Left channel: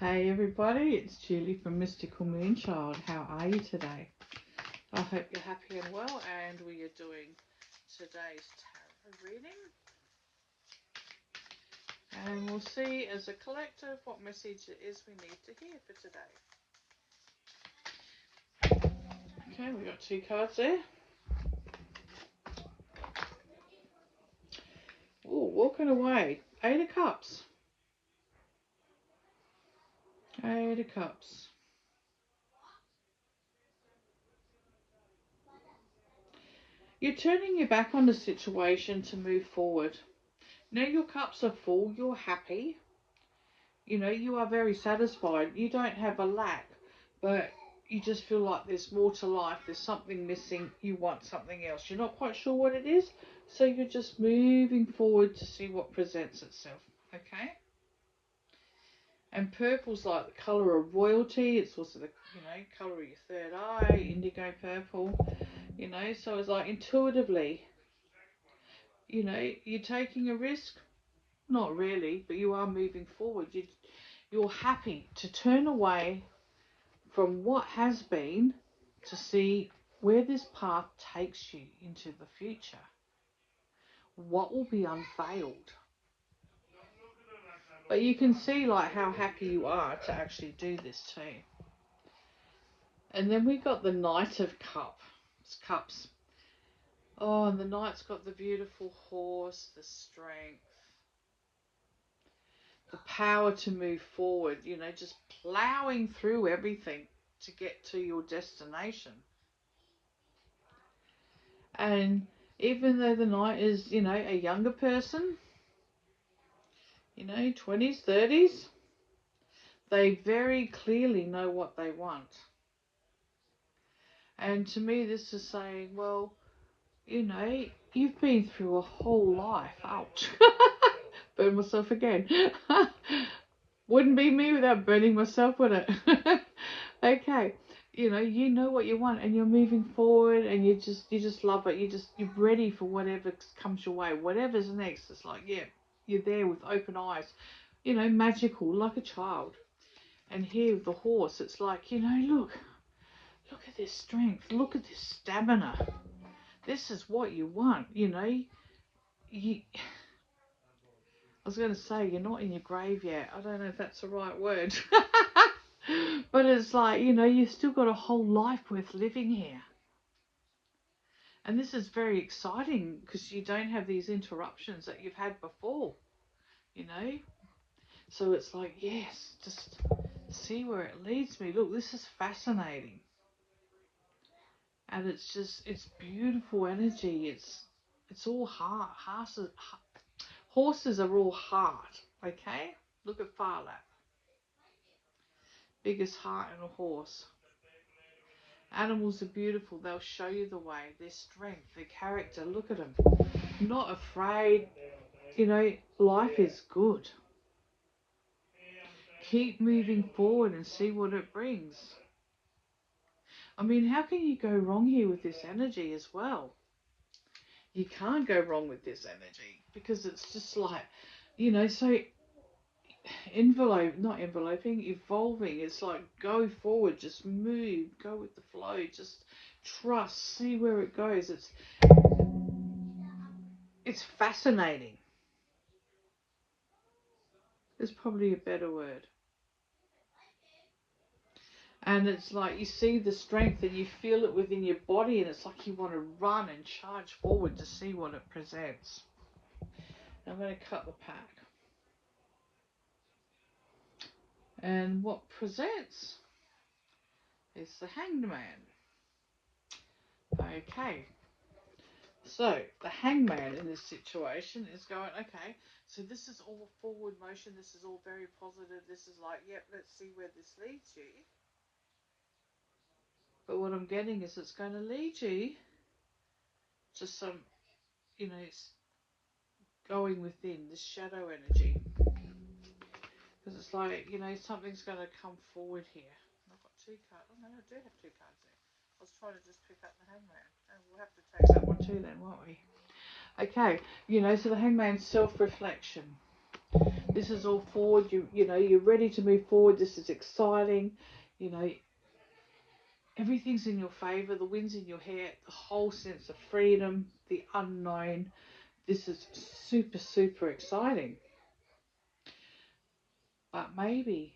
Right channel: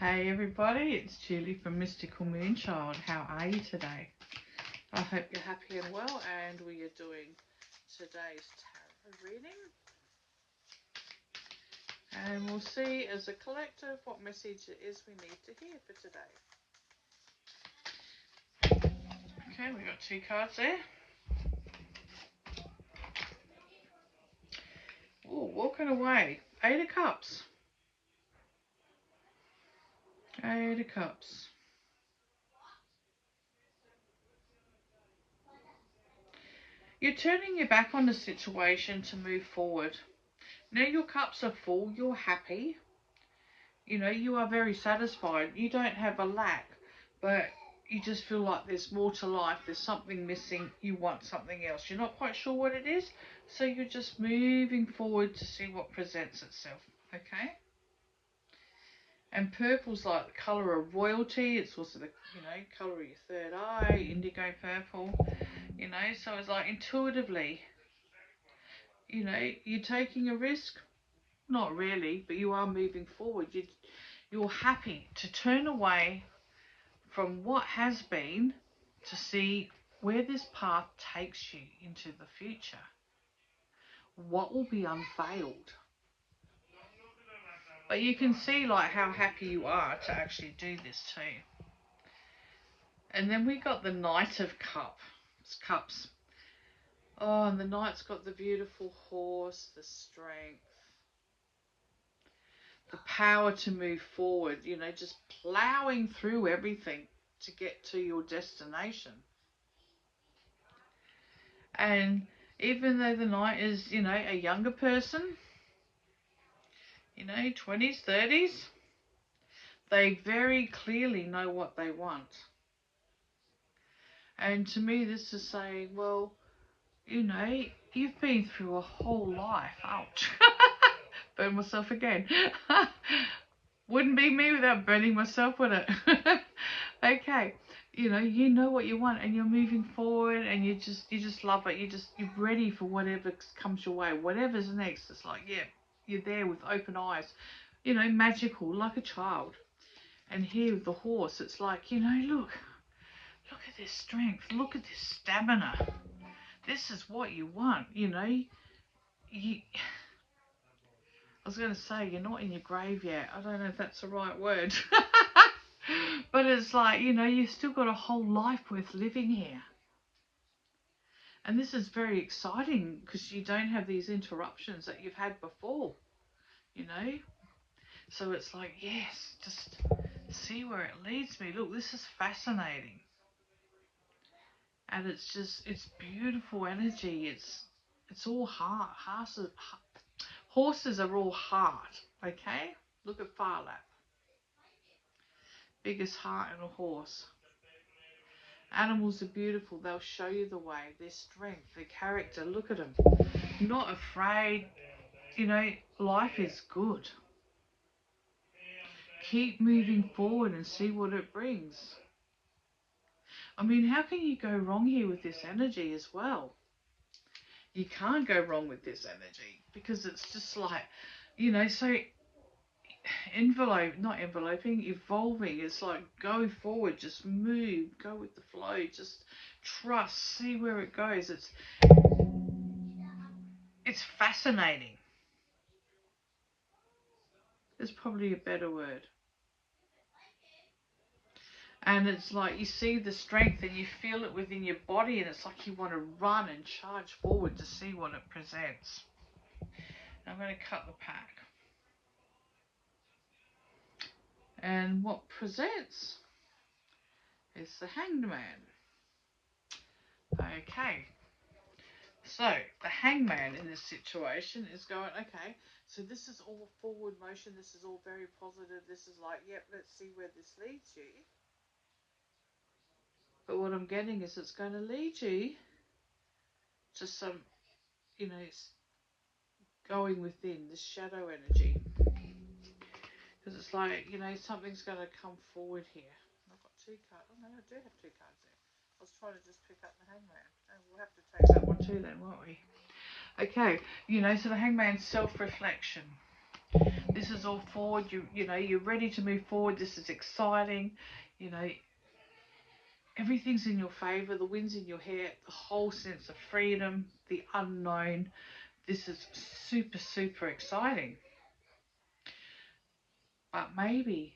Hey everybody, it's Julie from Mystical Moonchild. How are you today? I hope you're happy and well, and we are doing today's tarot reading. And we'll see as a collective what message it is we need to hear for today. Okay, we got two cards there. Ooh, walking away. 8 of Cups. 8 of Cups. You're turning your back on the situation to move forward. Now your cups are full, you're happy. You know, you are very satisfied. You don't have a lack, but you just feel like there's more to life. There's something missing. You want something else. You're not quite sure what it is, so you're just moving forward to see what presents itself, okay? And purple's like the colour of royalty. It's also the, colour of your third eye, indigo purple, so it's like intuitively, you're taking a risk. Not really, but you are moving forward. You're happy to turn away from what has been to see where this path takes you into the future. What will be unveiled. But you can see like how happy you are to actually do this too. And then we got the Knight of Cups. Oh, and the Knight's got the beautiful horse, the strength, the power to move forward, just ploughing through everything to get to your destination. And even though the Knight is, a younger person, 20s, 30s, they very clearly know what they want. And to me, this is saying, well, you've been through a whole life. Ouch. Burn myself again. Wouldn't be me without burning myself, would it? Okay. You know what you want, and you're moving forward, and you just love it. You're ready for whatever comes your way. Whatever's next, it's like, yeah, you're there with open eyes, magical, like a child. And here with the horse, it's like, look at this strength, look at this stamina. This is what you want, I was going to say, you're not in your grave yet. I don't know if that's the right word. But it's like, you've still got a whole life worth living here. And this is very exciting because you don't have these interruptions that you've had before, So it's like, yes, just see where it leads me. Look, this is fascinating. And it's beautiful energy. It's all heart. Horses are all heart, okay? Look at Phar Lap. Biggest heart in a horse. Animals are beautiful. They'll show you the way. Their strength, their character. Look at them. Not afraid. Life is good. Keep moving forward and see what it brings. I mean, how can you go wrong here with this energy as well? You can't go wrong with this energy because it's just like, so evolving. It's like go forward, just move, go with the flow, just trust, see where it goes. It's fascinating. There's probably a better word. And it's like you see the strength and you feel it within your body, and it's like you want to run and charge forward to see what it presents. I'm going to cut the pack. And what presents is the Hanged Man. Okay. So the Hangman in this situation is going, okay, so this is all forward motion. This is all very positive. This is like, yep, let's see where this leads you. But what I'm getting is it's going to lead you to some, going within this shadow energy. Because it's like, something's going to come forward here. I've got 2 cards. Oh, no, I do have 2 cards there. I was trying to just pick up the Hangman. Oh, we'll have to take that one too then, won't we? Okay, so the Hangman's self-reflection. This is all forward. You know, you're ready to move forward. This is exciting. You know, everything's in your favour. The wind's in your hair. The whole sense of freedom, the unknown. This is super, super exciting. But maybe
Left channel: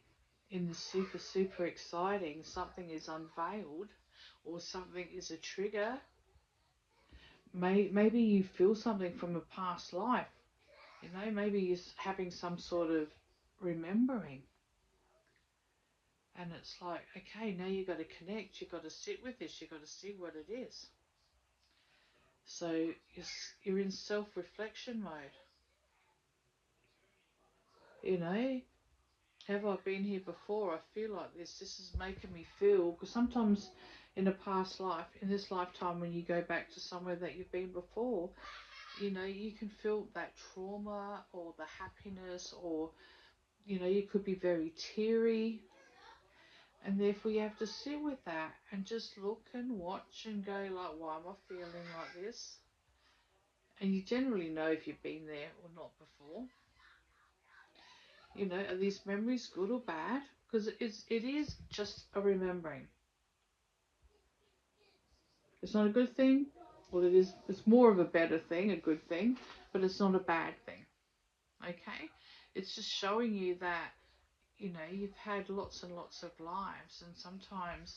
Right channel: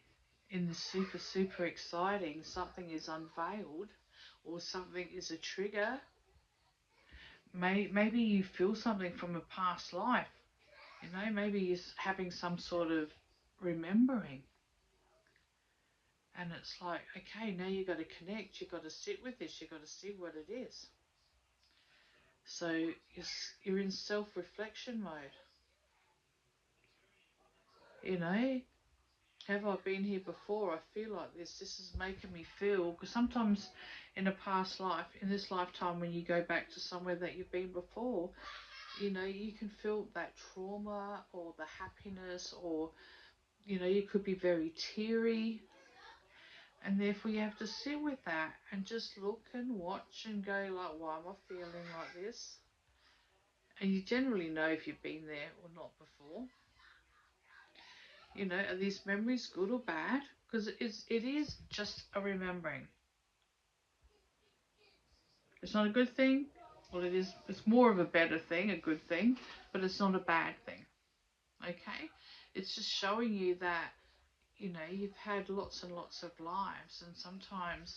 in the super, super exciting, something is unveiled or something is a trigger. Maybe you feel something from a past life. You know, maybe you're having some sort of remembering. And it's like, okay, now you've got to connect. You've got to sit with this. You've got to see what it is. So you're in self-reflection mode. You know, have I been here before? I feel like this. This is making me feel, because sometimes in a past life, in this lifetime, when you go back to somewhere that you've been before, you know, you can feel that trauma or the happiness, or, you know, you could be very teary. And therefore you have to sit with that and just look and watch and go like, why am I feeling like this? And you generally know if you've been there or not before. You know, are these memories good or bad? Because it is just a remembering. It's not a good thing. Well, it is. It's more of a better thing, a good thing, but it's not a bad thing. Okay? It's just showing you that, you know, you've had lots and lots of lives, and sometimes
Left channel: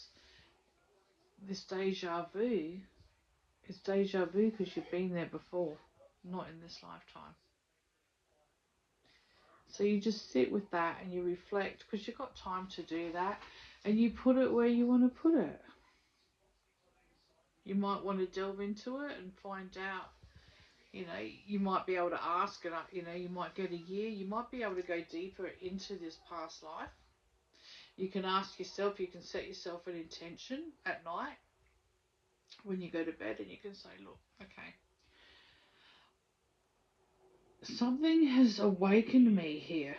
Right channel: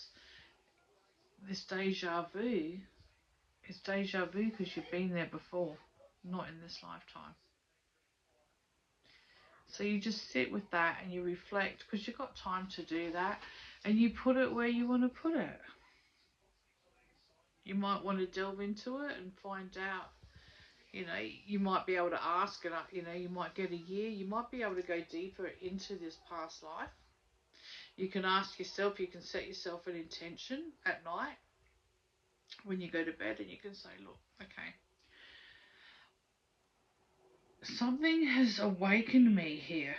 this deja vu is deja vu because you've been there before, not in this lifetime. So you just sit with that and you reflect, because you've got time to do that, and you put it where you want to put it. You might want to delve into it and find out, you know, you might be able to ask it, you know, you might get a year, you might be able to go deeper into this past life. You can ask yourself, you can set yourself an intention at night when you go to bed, and you can say, look, okay, something has awakened me here.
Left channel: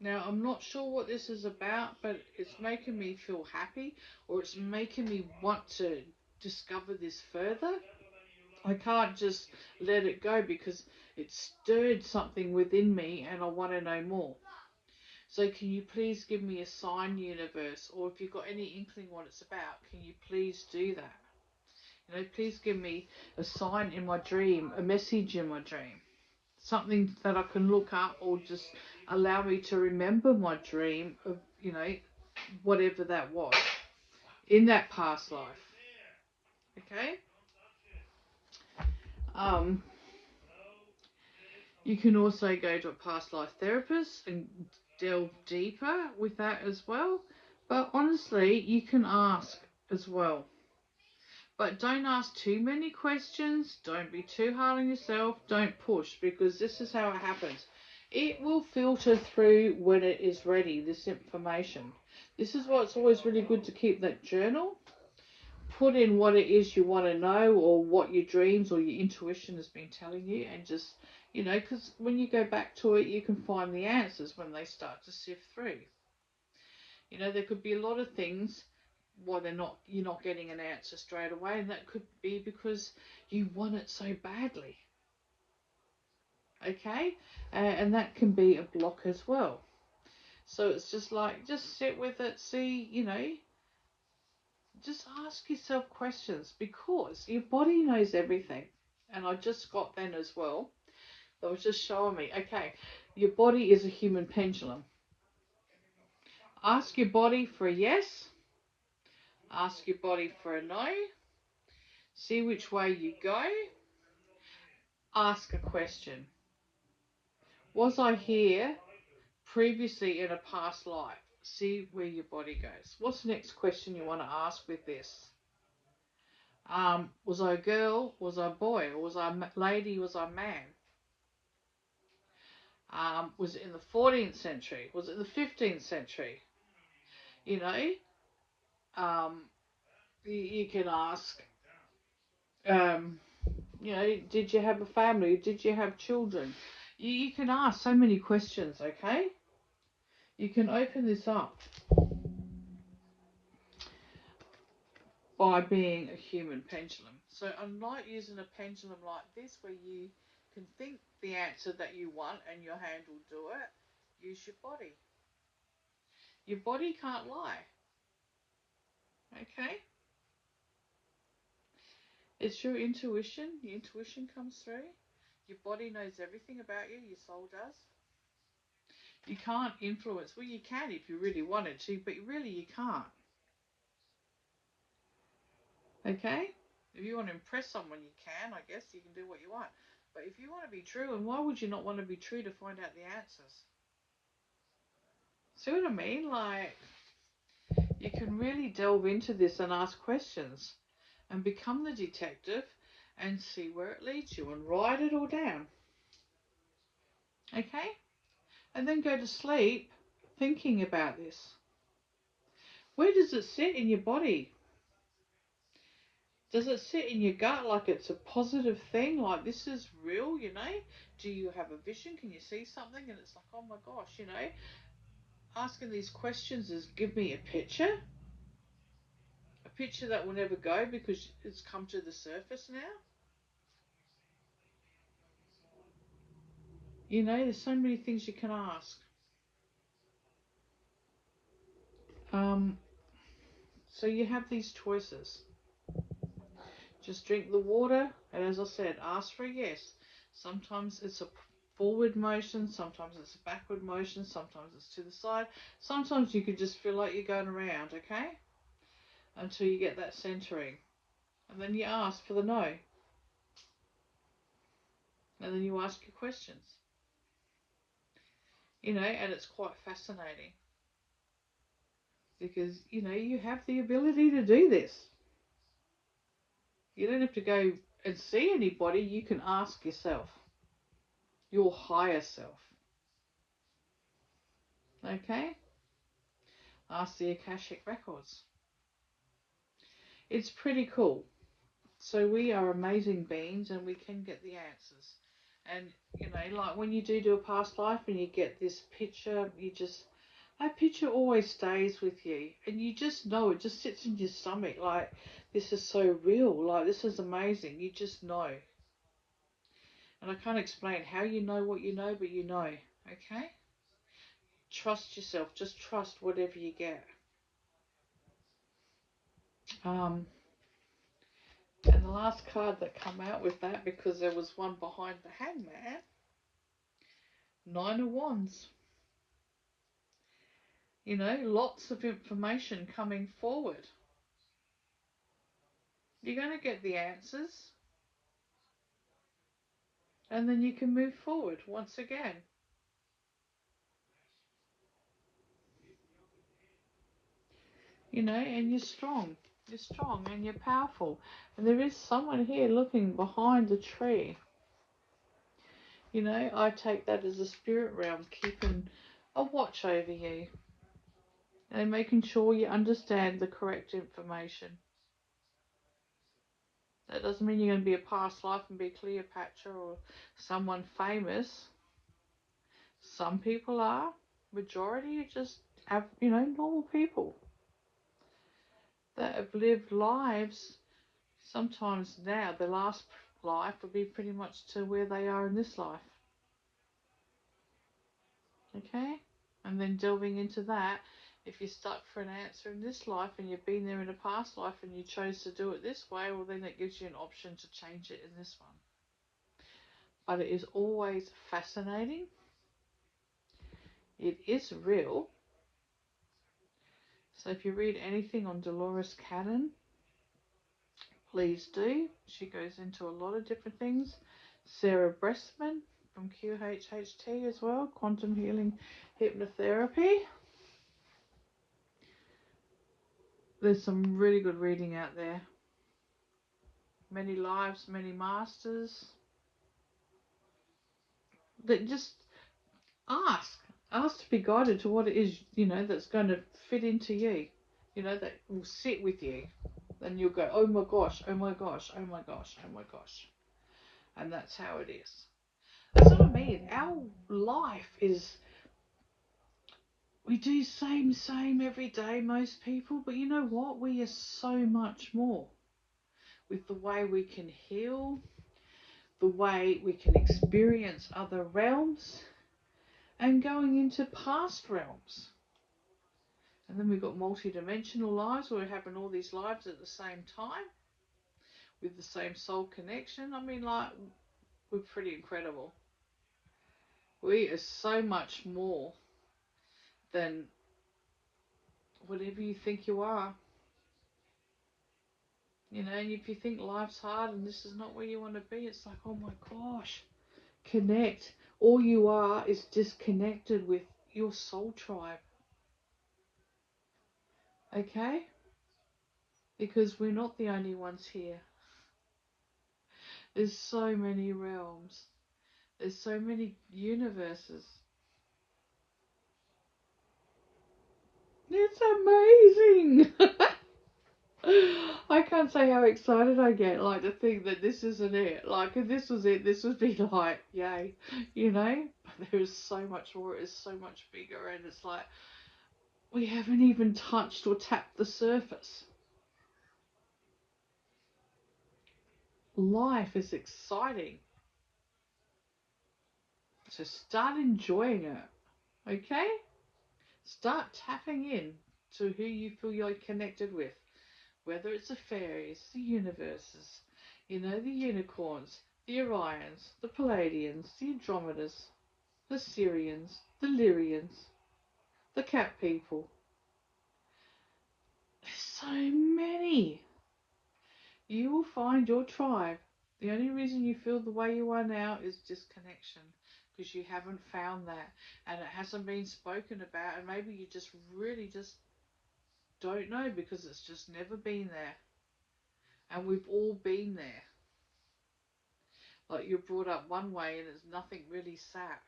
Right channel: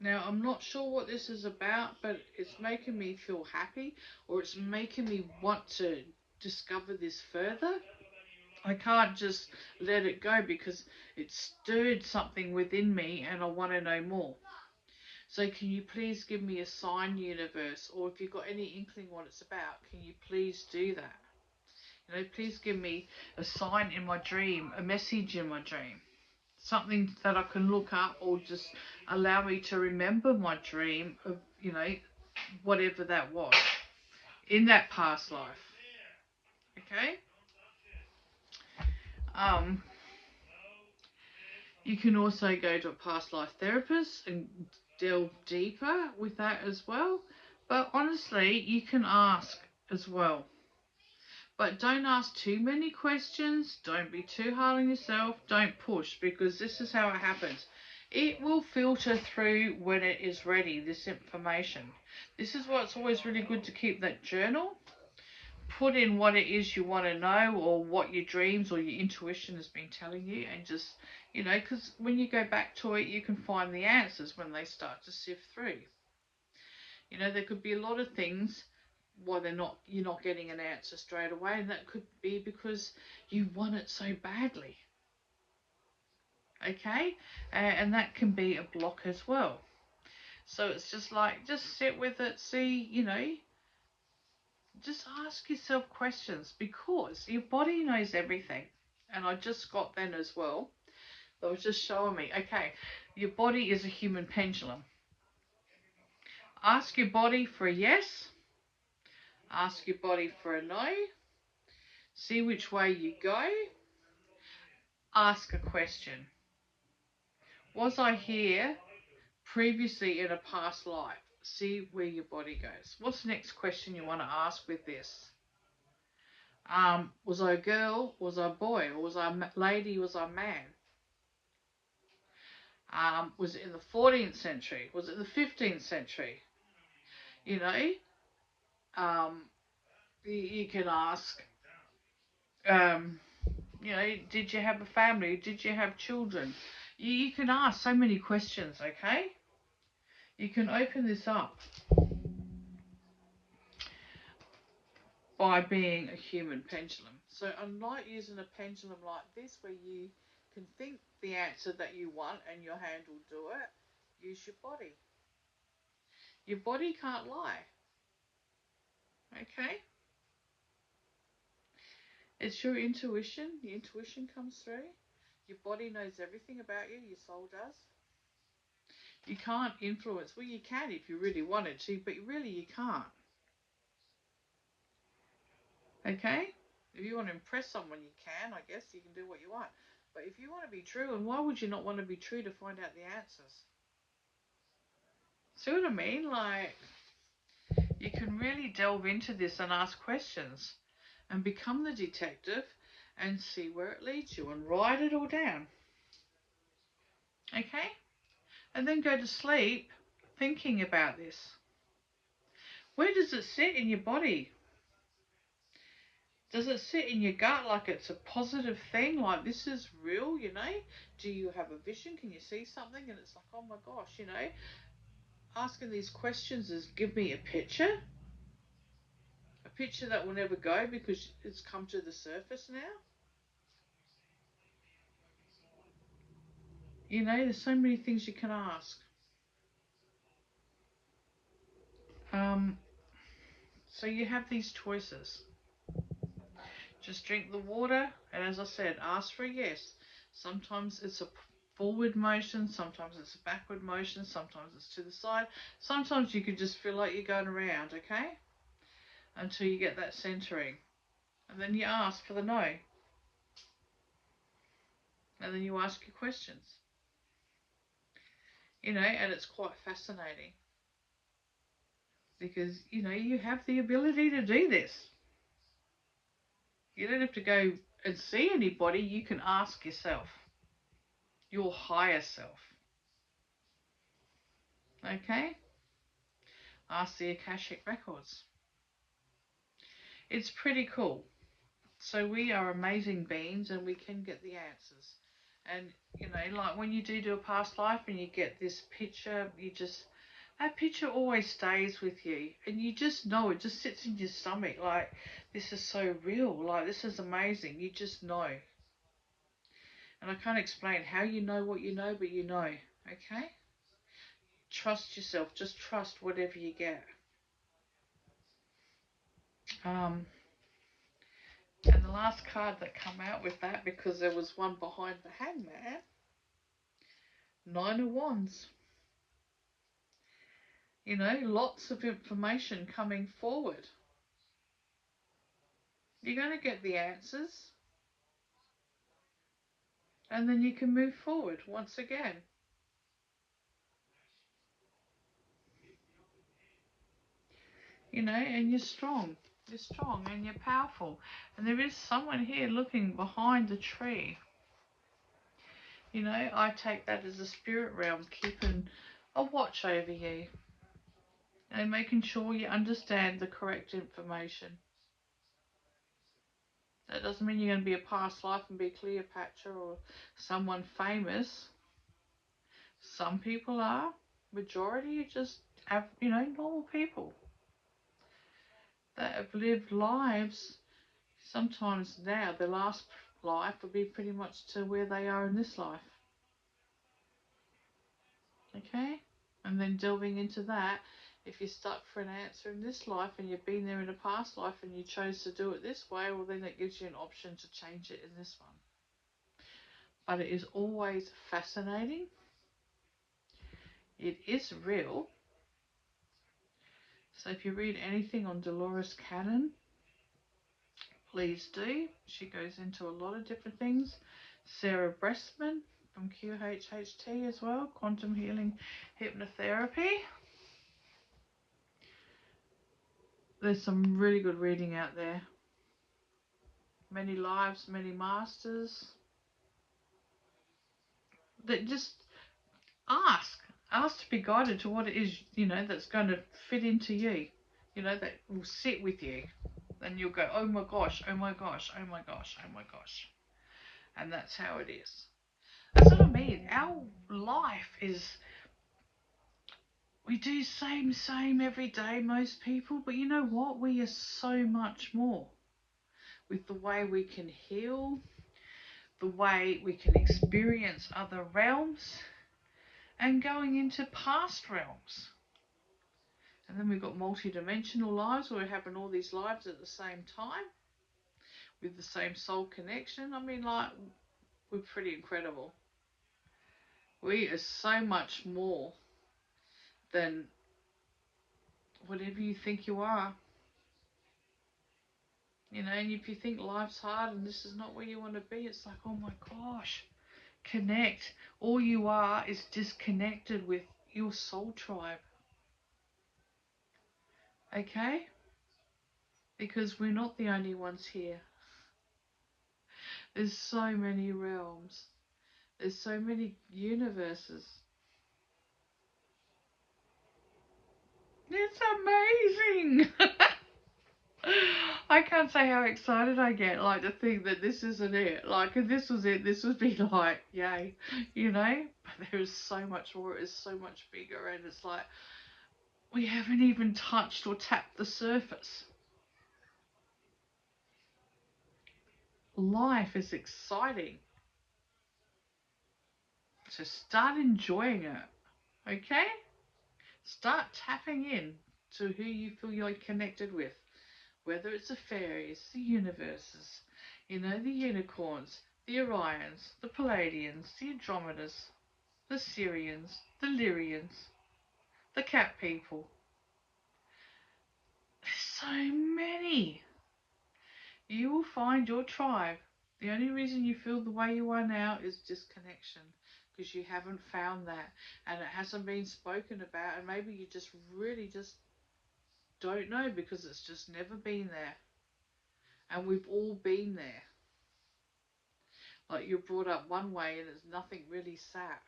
Now, I'm not sure what this is about, but it's making me feel happy, or it's making me want to discover this further. I can't just let it go because it stirred something within me and I want to know more. So can you please give me a sign, universe, or if you've got any inkling what it's about, can you please do that? You know, please give me a sign in my dream, a message in my dream. Something that I can look up, or just allow me to remember my dream of, you know, whatever that was in that past life. Okay? You can also go to a past life therapist and delve deeper with that as well. But honestly, you can ask as well. But don't ask too many questions. Don't be too hard on yourself. Don't push, because this is how it happens. It will filter through when it is ready, this information. This is why it's always really good to keep that journal. Put in what it is you want to know, or what your dreams or your intuition has been telling you, and just, you know, because when you go back to it, you can find the answers when they start to sift through. You know, there could be a lot of things why you're not getting an answer straight away, and that could be because you want it so badly. Okay, and that can be a block as well. So it's just like, just sit with it, see, you know, just ask yourself questions, because your body knows everything. And I just got then as well. That was just showing me, okay, your body is a human pendulum. Ask your body for a yes. Ask your body for a no. See which way you go. Ask a question. Was I here previously in a past life? See where your body goes. What's the next question you want to ask with this? Was I a girl? Was I a boy? Or was I a lady? Was I a man? Was it in the 14th century? Was it the 15th century? You know, you can ask, you know, did you have a family? Did you have children? You can ask so many questions, okay? You can open this up by being a human pendulum. So I'm not using a pendulum like this where you can think the answer that you want and your hand will do it. use your body. Your body can't lie. Okay? It's your intuition. The intuition comes through. Your body knows everything about you. Your soul does. You can't influence. Well, you can if you really wanted to, but really you can't. Okay? If you want to impress someone, you can. I guess you can do what you want. But if you want to be true, and why would you not want to be true to find out the answers? See what I mean? Like, you can really delve into this and ask questions and become the detective and see where it leads you and write it all down. Okay? And then go to sleep thinking about this. Where does it sit in your body? Does it sit in your gut like it's a positive thing? Like, this is real, you know? Do you have a vision? Can you see something? And it's like, oh my gosh, you know? Asking these questions is, give me a picture. A picture that will never go because it's come to the surface now. You know, there's so many things you can ask. So you have these choices. Just drink the water, and as I said, ask for a yes. Sometimes it's a forward motion, sometimes it's a backward motion, sometimes it's to the side. Sometimes you could just feel like you're going around, okay? Until you get that centering. And then you ask for the no. And then you ask your questions. You know, and it's quite fascinating. Because, you know, you have the ability to do this. You don't have to go and see anybody. You can ask yourself. Your higher self. Okay? Ask the Akashic Records. It's pretty cool. So we are amazing beings and we can get the answers. And, you know, like when you do a past life and you get this picture, that picture always stays with you. And you just know, it just sits in your stomach like, this is so real. Like, this is amazing. You just know. And I can't explain how you know what you know, but you know. Okay? Trust yourself. Just trust whatever you get. And the last card that come out with that, because there was one behind the Hangman, 9 of Wands. You know, lots of information coming forward. You're going to get the answers. And then you can move forward once again. You know, and you're strong. You're strong and you're powerful. And there is someone here looking behind the tree. You know, I take that as a spirit realm keeping a watch over you. And making sure you understand the correct information. That doesn't mean you're going to be a past life and be Cleopatra or someone famous. Some people are. Majority just have, you know, normal people that have lived lives. Sometimes now, their last life will be pretty much to where they are in this life. Okay? And then delving into that, if you're stuck for an answer in this life and you've been there in a past life and you chose to do it this way, well, then it gives you an option to change it in this one. But it is always fascinating. It is real. So if you read anything on Dolores Cannon, please do. She goes into a lot of different things. Sarah Bressman from QHHT as well, Quantum Healing Hypnotherapy. There's some really good reading out there. Many Lives, Many Masters. That just ask to be guided to what it is, you know, that's going to fit into you, you know, that will sit with you. Then you'll go, oh my gosh, oh my gosh, oh my gosh, oh my gosh. And that's how it is. That's what I mean. Our life is, we do same every day, most people, but you know what? We are so much more with the way we can heal, the way we can experience other realms, and going into past realms. And then we've got multi-dimensional lives where we're having all these lives at the same time with the same soul connection. I mean, like, we're pretty incredible. We are so much more than whatever you think you are. You know, and if you think life's hard and this is not where you want to be, it's like, oh my gosh, connect. All you are is disconnected with your soul tribe. Okay? Because we're not the only ones here. There's so many realms. There's so many universes. It's amazing. I can't say how excited I get, like, to think that this isn't it. Like, if this was it, this would be like, yay, you know? But there is so much more, it's so much bigger, and it's like, we haven't even touched or tapped the surface. Life is exciting. So start enjoying it, okay? Start tapping in to who you feel you're connected with. Whether it's the fairies, the universes, you know, the unicorns, the Orions, the Palladians, the Andromedas, the Syrians, the Lyrians, the cat people. There's so many. You will find your tribe. The only reason you feel the way you are now is disconnection, because you haven't found that, and it hasn't been spoken about, and maybe you just really just don't know because it's just never been there. And we've all been there. Like, you're brought up one way and there's nothing really sat.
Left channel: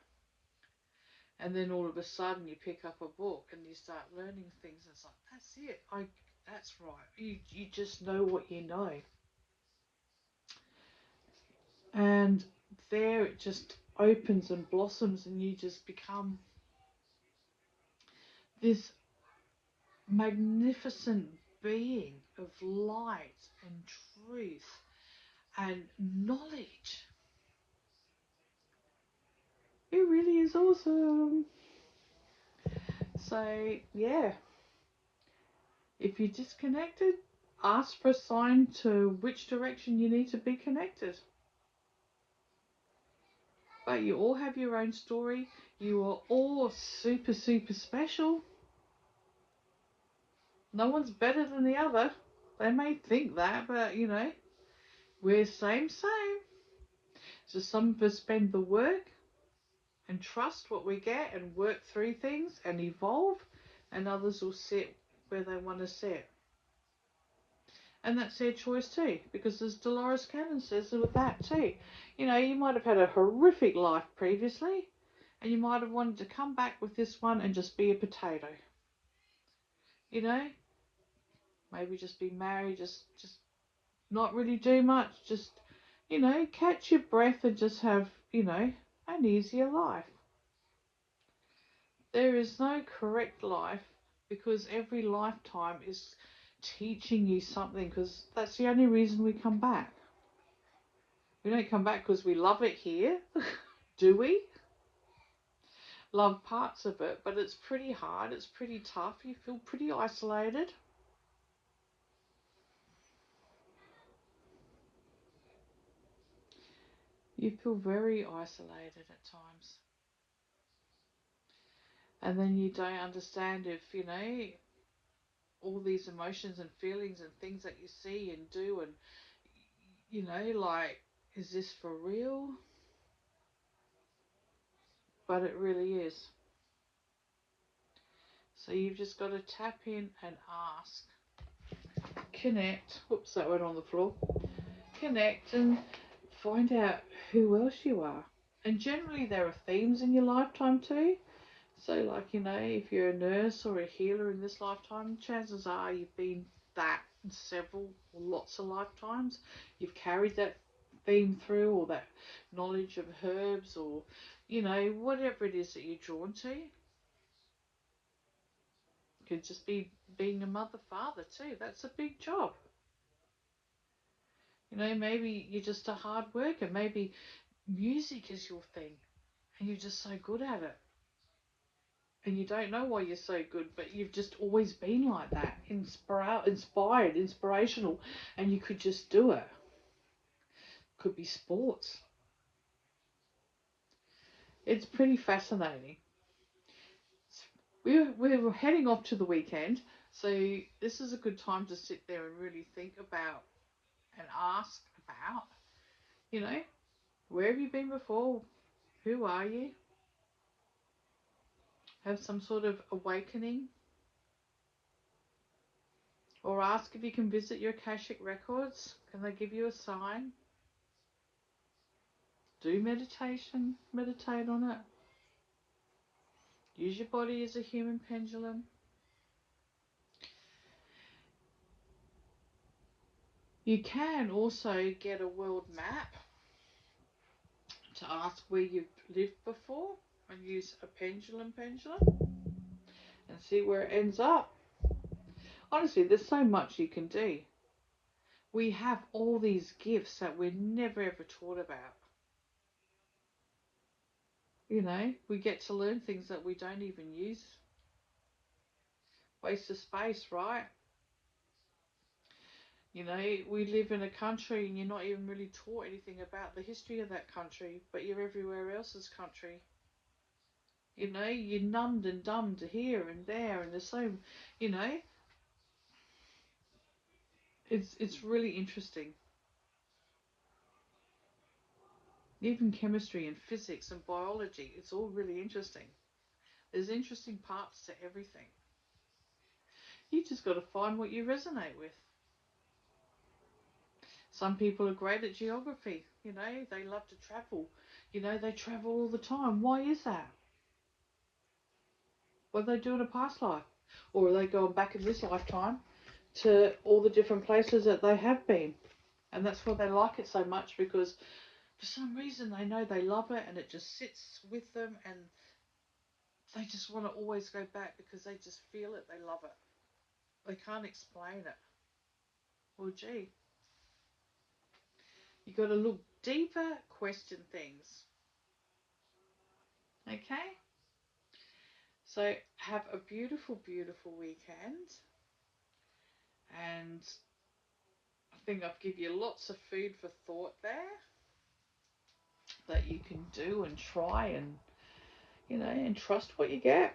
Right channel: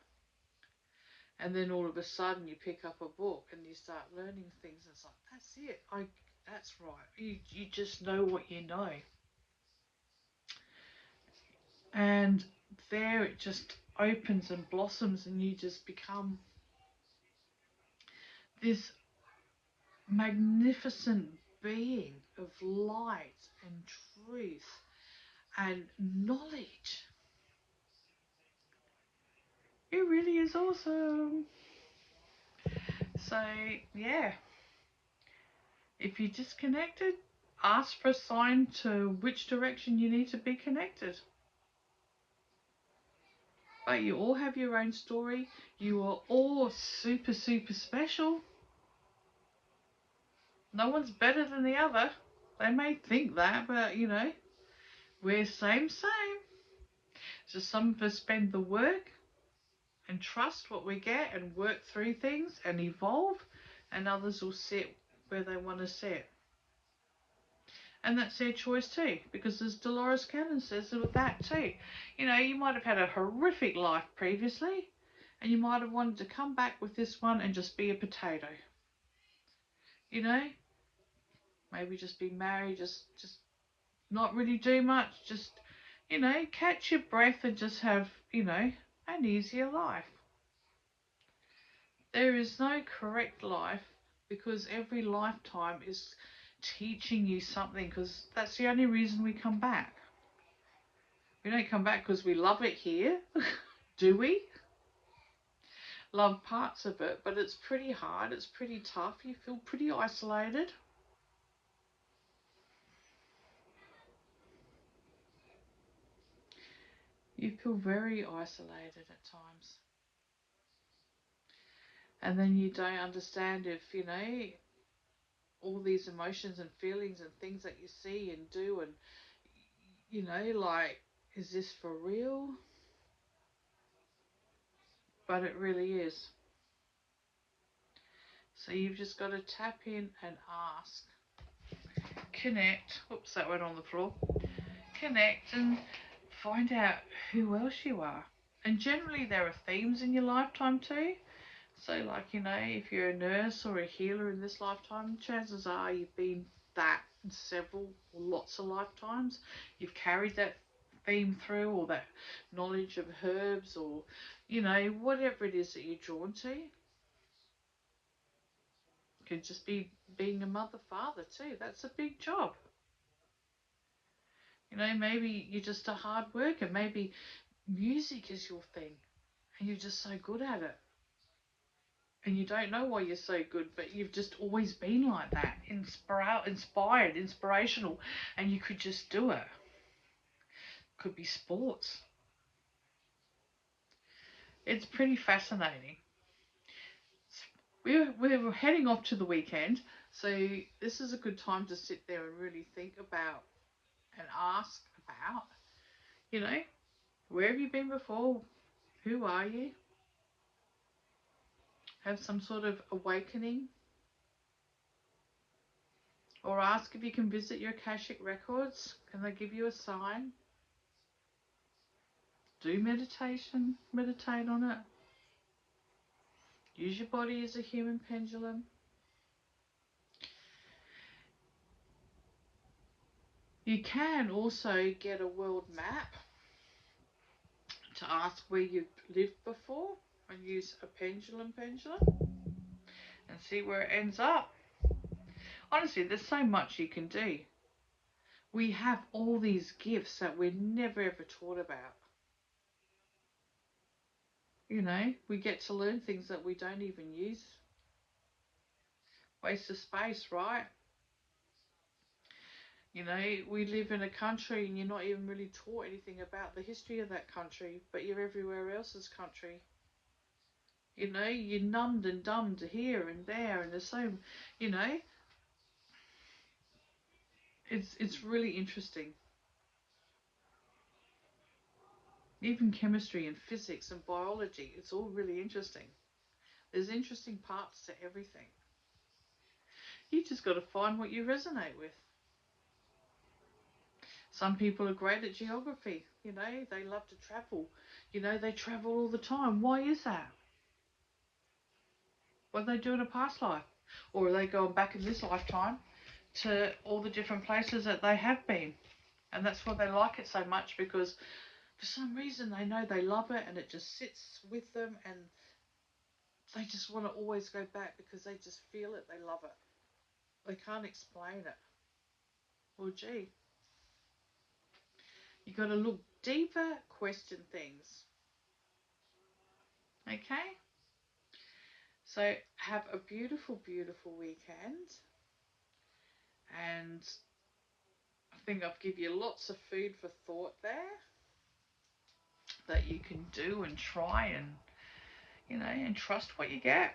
And then all of a sudden you pick up a book and you start learning things, and it's like, that's it. That's right. You just know what you know. And there it just opens and blossoms, and you just become this magnificent being of light and truth and knowledge. It really is awesome. So, yeah, if you're disconnected, ask for a sign to which direction you need to be connected. But you all have your own story. You are all super, super special. No one's better than the other. They may think that, but, you know, we're same. So some of us spend the work and trust what we get and work through things and evolve, and others will sit where they want to sit. And that's their choice too, because as Dolores Cannon says with that too, you know, you might have had a horrific life previously, and you might have wanted to come back with this one and just be a potato. You know, maybe just be married, just not really do much, just, you know, catch your breath and just have, you know, an easier life. There is no correct life, because every lifetime is teaching you something, because that's the only reason we come back. We don't come back because we love it here, do we? Love parts of it, but it's pretty hard, it's pretty tough, you feel pretty isolated. You feel very isolated at times. And then you don't understand if, you know, all these emotions and feelings and things that you see and do, and, you know, like, is this for real? But it really is. So you've just got to tap in and ask. Connect. Oops, that went on the floor. Connect and find out who else you are. And generally there are themes in your lifetime too. So, like, you know, if you're a nurse or a healer in this lifetime, chances are you've been that in lots of lifetimes. You've carried that theme through, or that knowledge of herbs, or, you know, whatever it is that you're drawn to. It could just be being a mother, father too. That's a big job. You know, maybe you're just a hard worker. Maybe music is your thing and you're just so good at it. and you don't know why you're so good, but you've just always been like that, inspired, inspirational, and you could just do it. Could be sports. It's pretty fascinating. We're heading off to the weekend, so this is a good time to sit there and really think about and ask about, you know, where have you been before? Who are you? Have some sort of awakening, or ask if you can visit your Akashic records. Can they give you a sign? Do meditation, meditate on it. Use your body as a human pendulum. You can also get a world map to ask where you've lived before and use a pendulum and see where it ends up. Honestly, there's so much you can do. We have all these gifts that we're never ever taught about. You know, we get to learn things that we don't even use. Waste of space, right? You know, we live in a country and you're not even really taught anything about the history of that country, but you're everywhere else's country. You know, you're numbed and dumbed here and there, and there's so, you know, it's really interesting. Even chemistry and physics and biology, it's all really interesting. There's interesting parts to everything. You just got to find what you resonate with. Some people are great at geography. You know, they love to travel. You know, they travel all the time. Why is that? What they do in a past life? Or are they going back in this lifetime to all the different places that they have been? And that's why they like it so much, because for some reason they know they love it and it just sits with them and they just want to always go back because they just feel it, they love it. They can't explain it. Well, gee, you got to look deeper, question things. Okay? So have a beautiful, beautiful weekend. And I think I've given you lots of food for thought there that you can do and try and, you know, and trust what you get.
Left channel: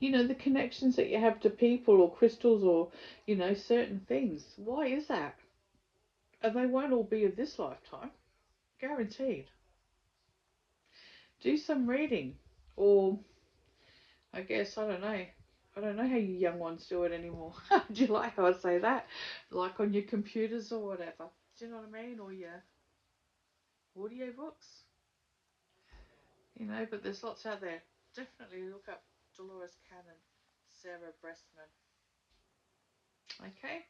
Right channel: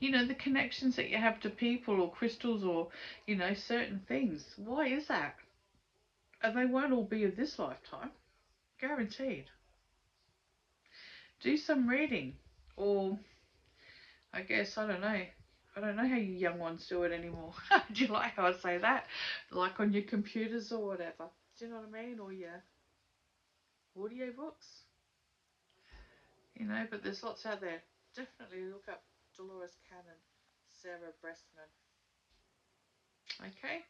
You know, the connections that you have to people or crystals or, you know, certain things. Why is that? And they won't all be of this lifetime. Guaranteed. Do some reading. Or, I guess, I don't know. I don't know how you young ones do it anymore. Do you like how I say that? Like on your computers or whatever. Do you know what I mean? Or your audio books. You know, but there's lots out there. Definitely look up Dolores Cannon, Sarah Bressman. Okay?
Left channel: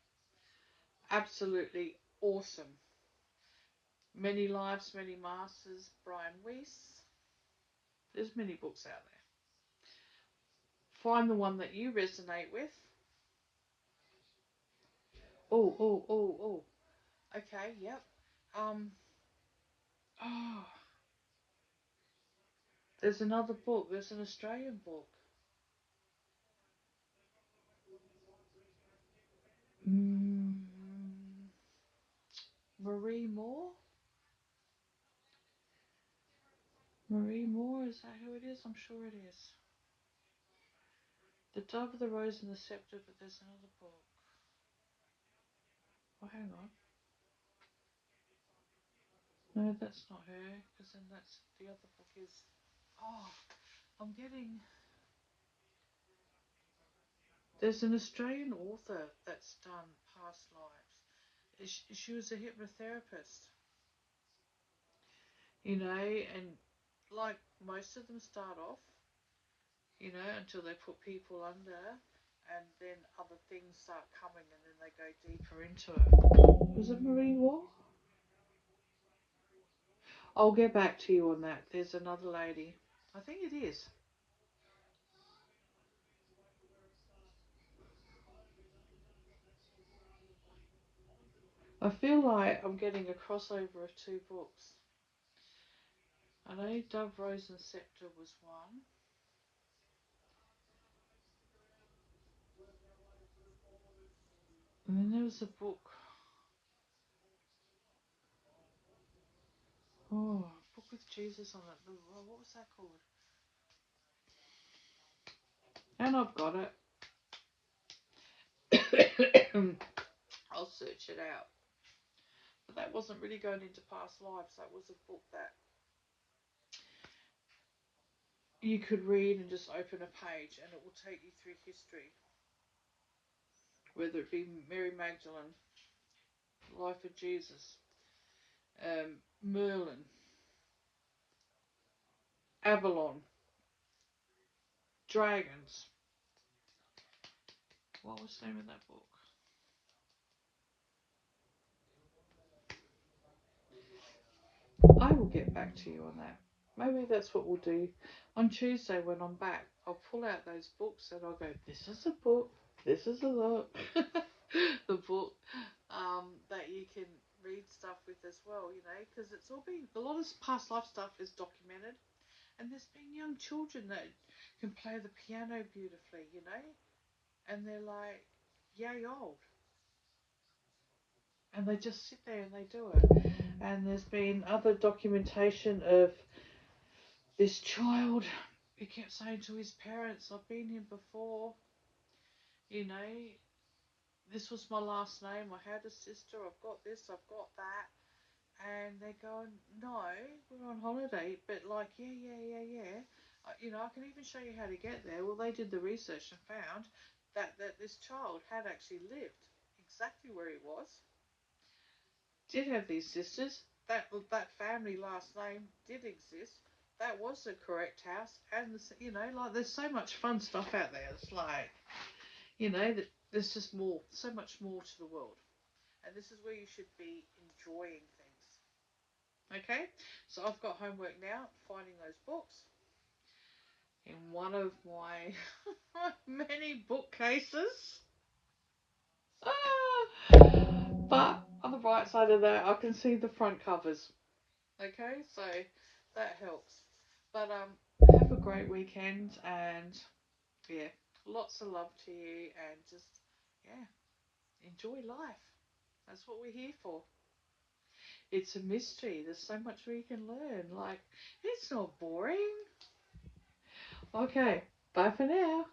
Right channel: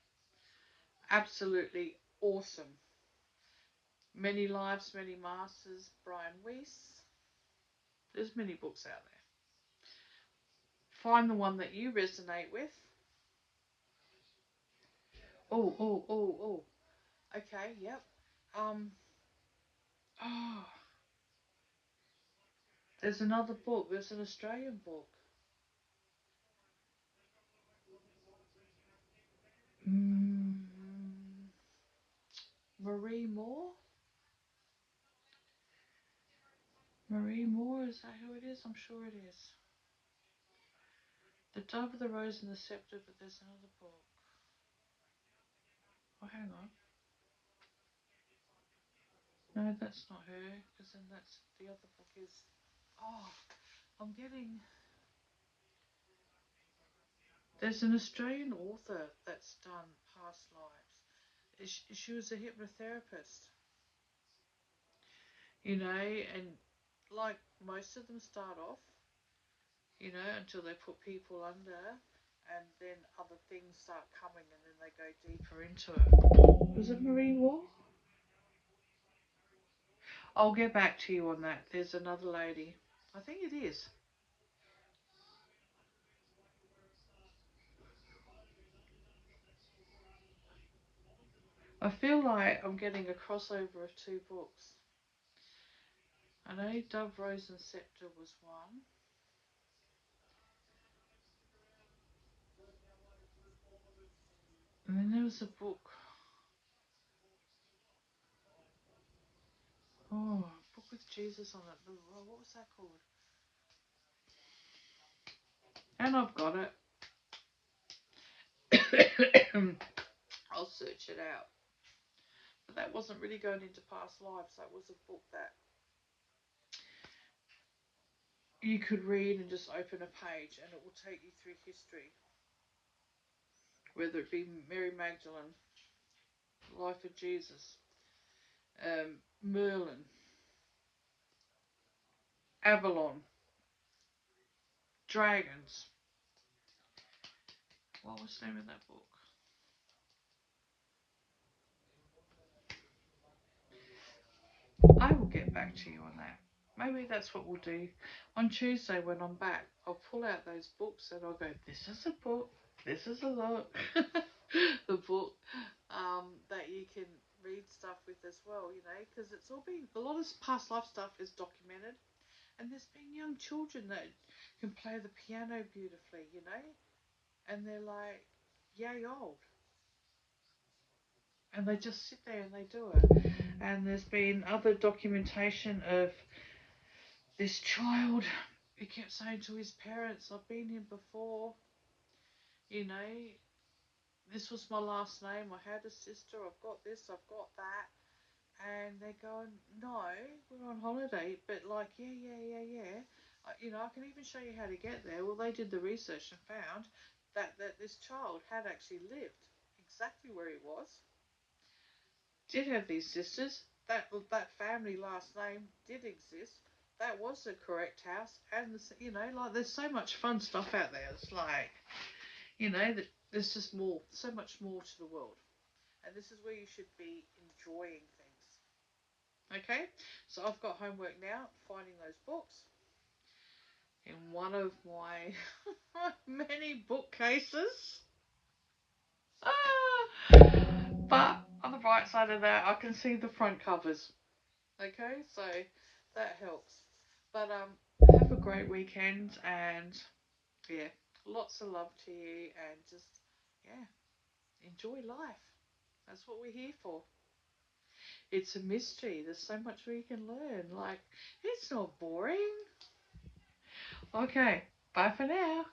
Absolutely awesome. Many Lives, Many Masters, Brian Weiss. There's many books out there. Find the one that you resonate with. Oh. Okay, yep. Oh, there's another book. There's an Australian book. Mm, Marie Moore? Marie Moore, is that who it is? I'm sure it is. The Dove, the Rose and the Scepter, but there's another book. Oh, hang on. No, that's not her, because then that's the other book is. Oh, I'm getting. There's an Australian author that's done past lives. She was a hypnotherapist, you know, and like most of them start off, you know, until they put people under, and then other things start coming, and then they go deeper into it. Was it Marie Wall? I'll get back to you on that. There's another lady. I think it is. I feel like I'm getting a crossover of two books. I know Dove, Rose and Scepter was one. And then there was a book. Oh, a book with Jesus on it. What was that called? And I've got it. I'll search it out. But that wasn't really going into past lives. That was a book that you could read and just open a page and it will take you through history. Whether it be Mary Magdalene, Life of Jesus, Merlin, Avalon, dragons. What was the name of that book? I will get back to you on that. Maybe that's what we'll do. On Tuesday when I'm back, I'll pull out those books and I'll go, this is a book, this is a book. The book that you can read stuff with as well, you know, because it's all been, a lot of past life stuff is documented. And there's been young children that can play the piano beautifully, you know, and they're like yay old. And they just sit there and they do it. And there's been other documentation of this child who kept saying to his parents, I've been here before, you know, this was my last name, I had a sister, I've got this, I've got that. And they're going, no, we're on holiday, but like, yeah. You know, I can even show you how to get there. Well, they did the research and found that this child had actually lived exactly where he was, did have these sisters, that family last name did exist, that was the correct house, and you know, like there's so much fun stuff out there. It's like, you know, there's just more, so much more to the world, and this is where you should be enjoying things. Okay, so I've got homework now, finding those books in one of my many bookcases. But on the right side of that, I can see the front covers. Okay, so that helps. But have a great weekend and yeah, lots of love to you and just yeah, enjoy life. That's what we're here for. It's a mystery. There's so much we can learn. Like, it's not boring. Okay, bye for now.